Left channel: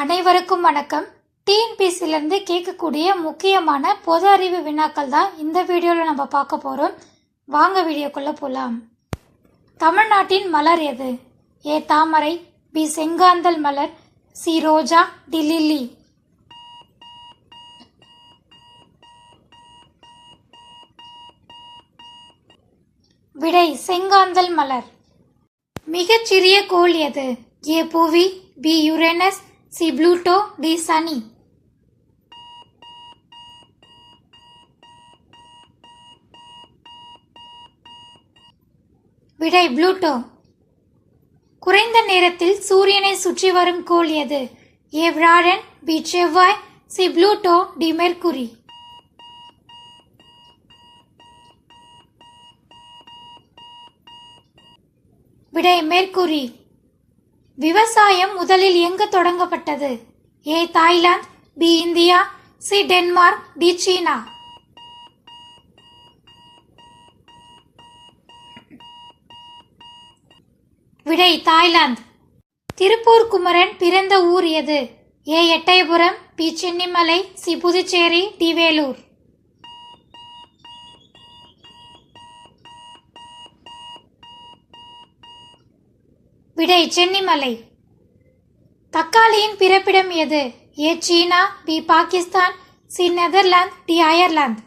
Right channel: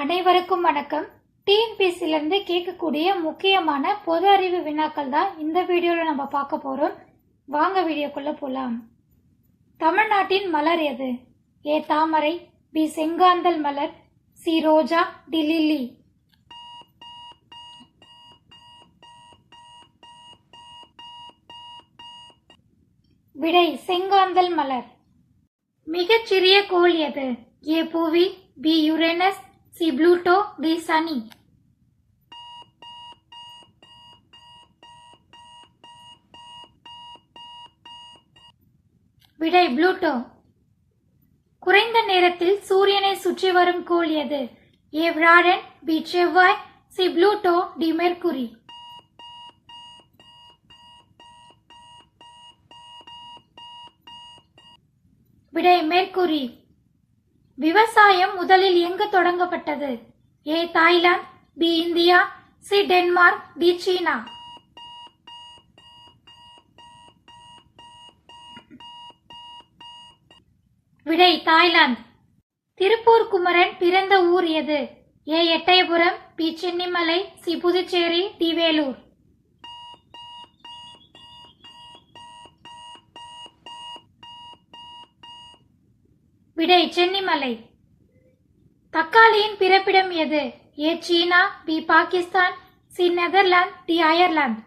அனைவருக்கும் வணக்கம். டிஎன்பிஎஸ்சிலேருந்து கேட்கக்கூடிய முக்கியமான பொது அறிவு வினாக்கள் தான் இந்த வீடியோவில் நம்ம பார்க்க போகிறோம். வாங்க வீடியோக்குள்ளே போகலாம். தமிழ்நாட்டின் மலர் எது? ஏ தாமரை, பி செங்காந்தல் மலர், சி ரோஜா, டி லில்லி. விடை செங்காந்தல் மலர். மிகச்சிறிய கோள் எது? ஏ புவி, B Uranus, C Pluto, D சனி. விடை ப்ளூட்டோ. குறைந்த நேரத்தில் சூரியனை சுற்றி வரும் கோள் எது? ஏ வியாழன், பி செவ்வாய், சி ப்ளூட்டோ, டி மெர்க்குரி. விடை மெர்க்குரி. விவசாயம் முதலில் எங்கு தொடங்கப்பட்டது? A Thailand, B India, C Denmark, D சீனா. விடை தாய்லாந்து. திருப்பூர் குமரன் பிறந்த ஊர் எது? A Ettayapuram, B Chennimalai, C Puducherry, D Vellore. விடை சென்னிமலை. தக்காளியின் பிறப்பிடம் எது? ஏ சீனா, B Pakistan, C Netherlands, D Ireland.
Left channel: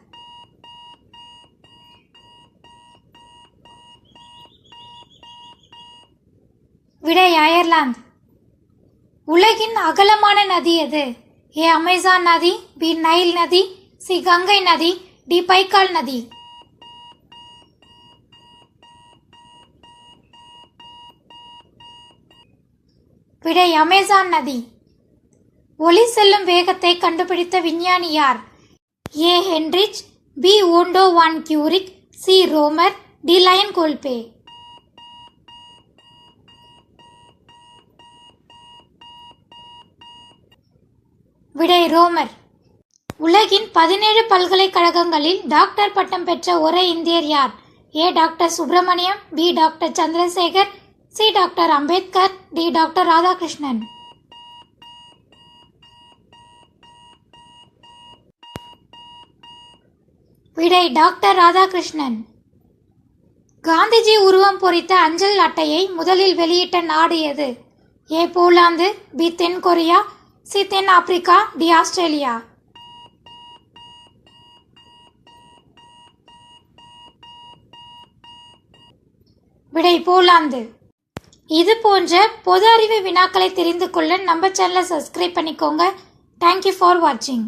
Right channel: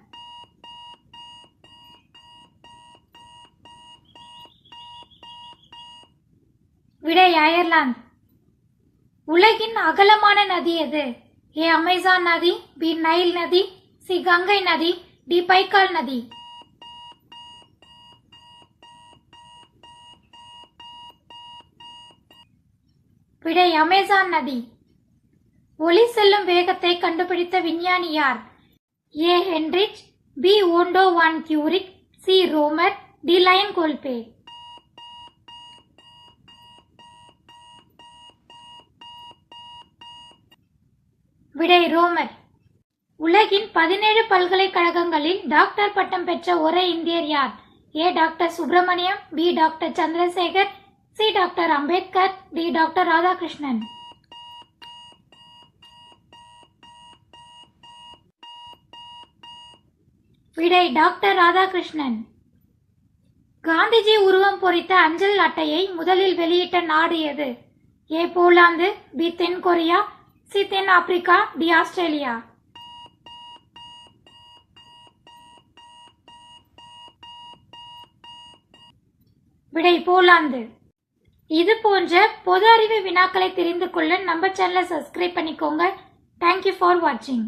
விடை அயர்லாந்து. உலகின் அகலமான நதி எது? ஏ அமேசான் நதி, பி நைல் நதி, சி கங்கை நதி, டி பைக்கால் நதி. விடை அமேசான் நதி. ஒளி செல்லும் வேகத்தை கண்டுபிடித்த விஞ்ஞானி யார்? ஏ ஹென்ரிச், பி ஓண்டோ வான் கியூரிக், சி ரோமர், டி லயன் கோல்பே. விடை ரோமர். உலகின் 17 பல்கலைக்கழகங்களில் டாக்டர் பட்டம் பெற்ற ஒரே இந்தியர் யார்? A doctor Subramaniam, B doctor Chandrasekhar, C doctor Ambedkar, D doctor Radhakrishnan. விடை டாக்டர் ராதாகிருஷ்ணன். காந்திஜி உருவம் பொறித்த அஞ்சல் அட்டையை முதலில் வெளியிட்ட நாடு எது? ஏ போலாந்து, பி தென் கொரியா, சி தென் ஆப்பிரிக்கா, டி ஆஸ்திரேலியா. விடை போலாந்து. இது போன்ற பொது அறிவு வினாக்களை தெரிந்து கொள்ள நம்ம சேனலை சப்ஸ்கிரைப் பண்ணிக்கோங்க. தேங்க்யூ ஃபார் வாட்சிங்.